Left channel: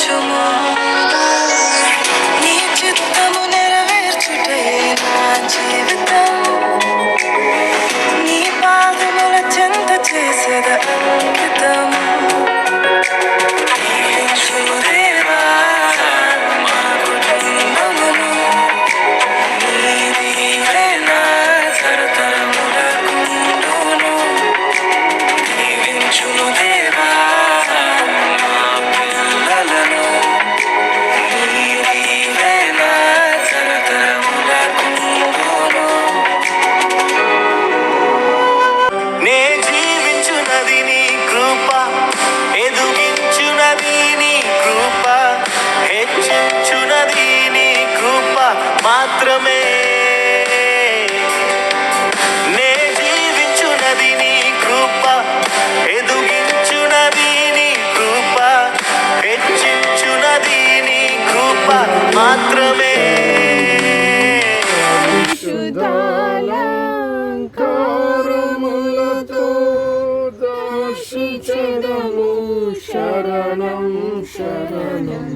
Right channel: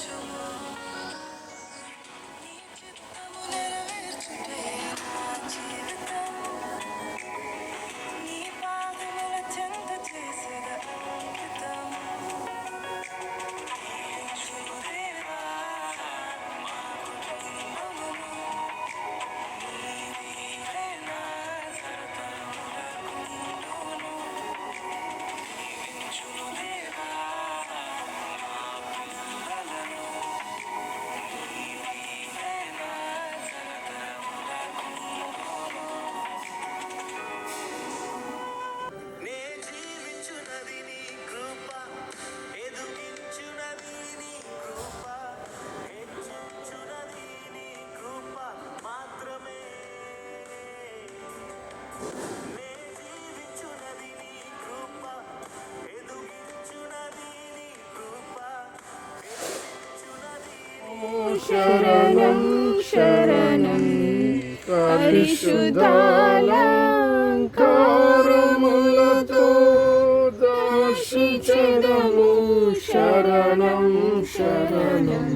దీవించుము నీ చిత్తము నెరవేర్చుటే నా జీవితం నీ పాదముల చెంత చేసేద అంకితము దీవించుము దేవా మా కుటుంబమును నీ దీవెన తరతరములకుండును దీవించుము దేవా మా పిల్లలను నీ దీవెన తరతరములకుండును నే జీవించునది నీ కృప ఎదుగించునది నీ కృప హెచ్చించునది నీ కృప మాత్రమే నే జీవించునది నీ కృప ఎదుగించునది నీ కృప హెచ్చించునది నీ కృప మాత్రమే విశుద్ధాలంకారములతో దర్శించదము శరణం శరణం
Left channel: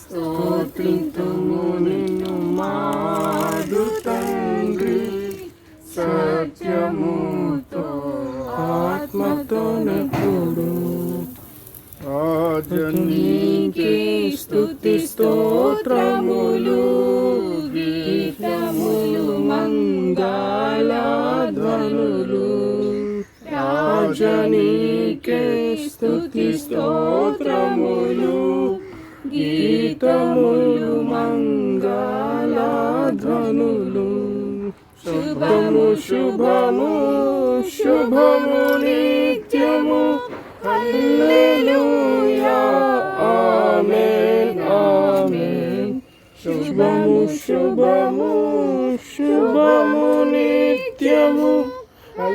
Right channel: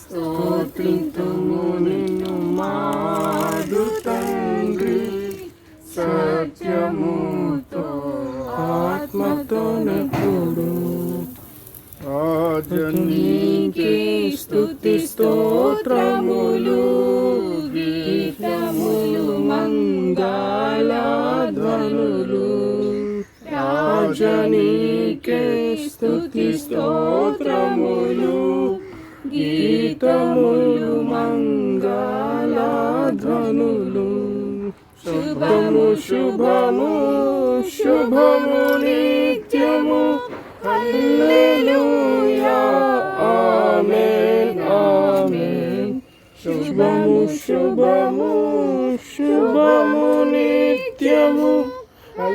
స్తోత్రితుము నిన్ను మాదు తండ్రి సత్యముతో ఆత్మతో నెప్పుడు రాజనీకే స్తుతి స్తోత్రములు గీతములు మంగళ ధ్వనులు రాజనీకే స్తుతి స్తోత్రములు గీతములు మంగళ ధ్వనులు శుభము శుభము శుభము నిత్యము హల్లెలూయా ఆమేన్ ఆమేన్ శుభము శుభము శుభము నిత్యము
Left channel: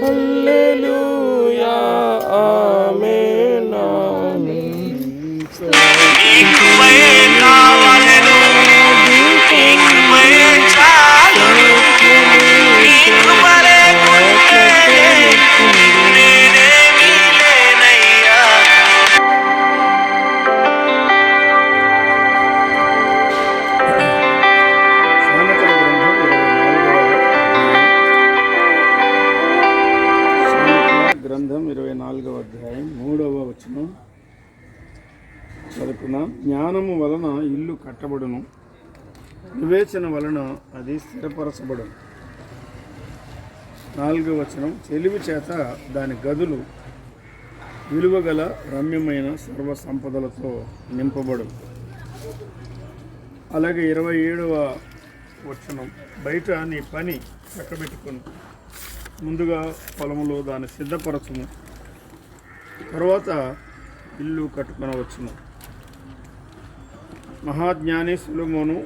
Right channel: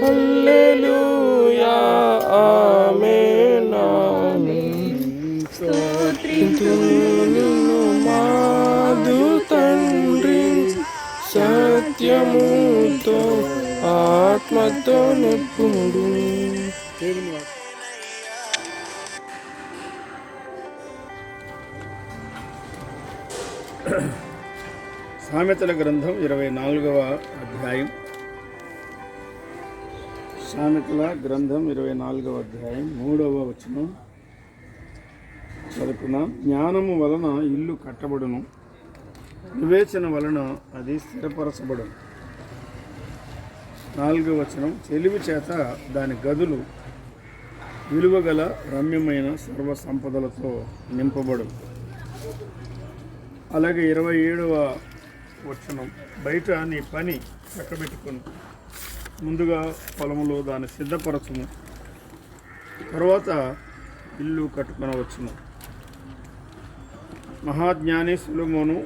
హల్లెలూయా ఆమేన్ ఆమేన్ సామెతల గ్రంథం 24వ అధ్యాయం. సామెతల గ్రంథం 24వ అధ్యాయం 3వ వచనం చదువుకుందాం. జ్ఞానము వలన ఇల్లు కట్టబడును, వివేచన వలన అది స్థిరపరచబడును. 4వ వచనం తెలివి చేత దాని గదులు విలువగల రమ్యమైన సర్వ సంపదలతో నింపబడు. అలాగే 27వ వచనం బయట నీ పని చక్కబెట్టుకుని ముందుగా పొలములో దాన్ని సిద్ధపరచును, తర్వాత ఇల్లు కట్టుకొనవచ్చును. మహాజ్ఞాని సొలొమోను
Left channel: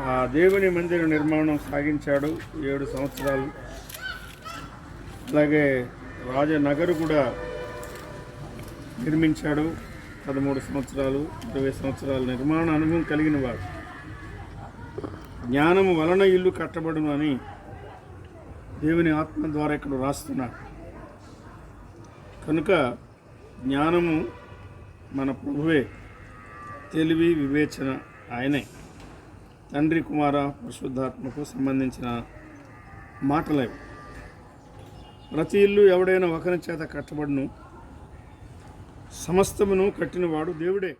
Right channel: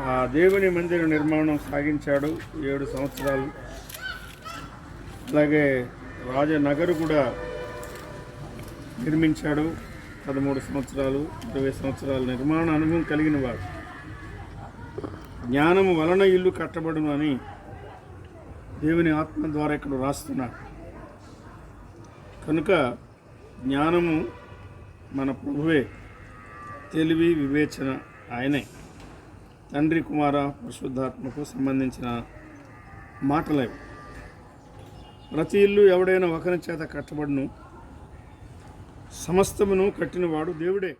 ఆ దేవుని మందిర నిర్మాణం సాగించాడు 7 సంవత్సరాలు. అలాగే రాజనగరు కూడా నిర్మించాడు 13 సంవత్సరాలు, 20 సంవత్సరాల నిర్మాణ అనుభవం కలిగిన వాడు. జ్ఞానము వలన ఇల్లు కట్టబడును అని దేవుని ఆత్మ ద్వారా ఇక్కడ రాస్తున్నాడు. కనుక జ్ఞానము మన ప్రభువే, తెలివి వివేచన ఆయనే. తండ్రి కుమార పరిశుద్ధాత్మకు సంబంధించిన మాటలేవి. ప్రతి ఇల్లు ఎవడైనా ఒకరి చేత కట్టబడును, సమస్తమును కట్టినవాడు దేవుడే.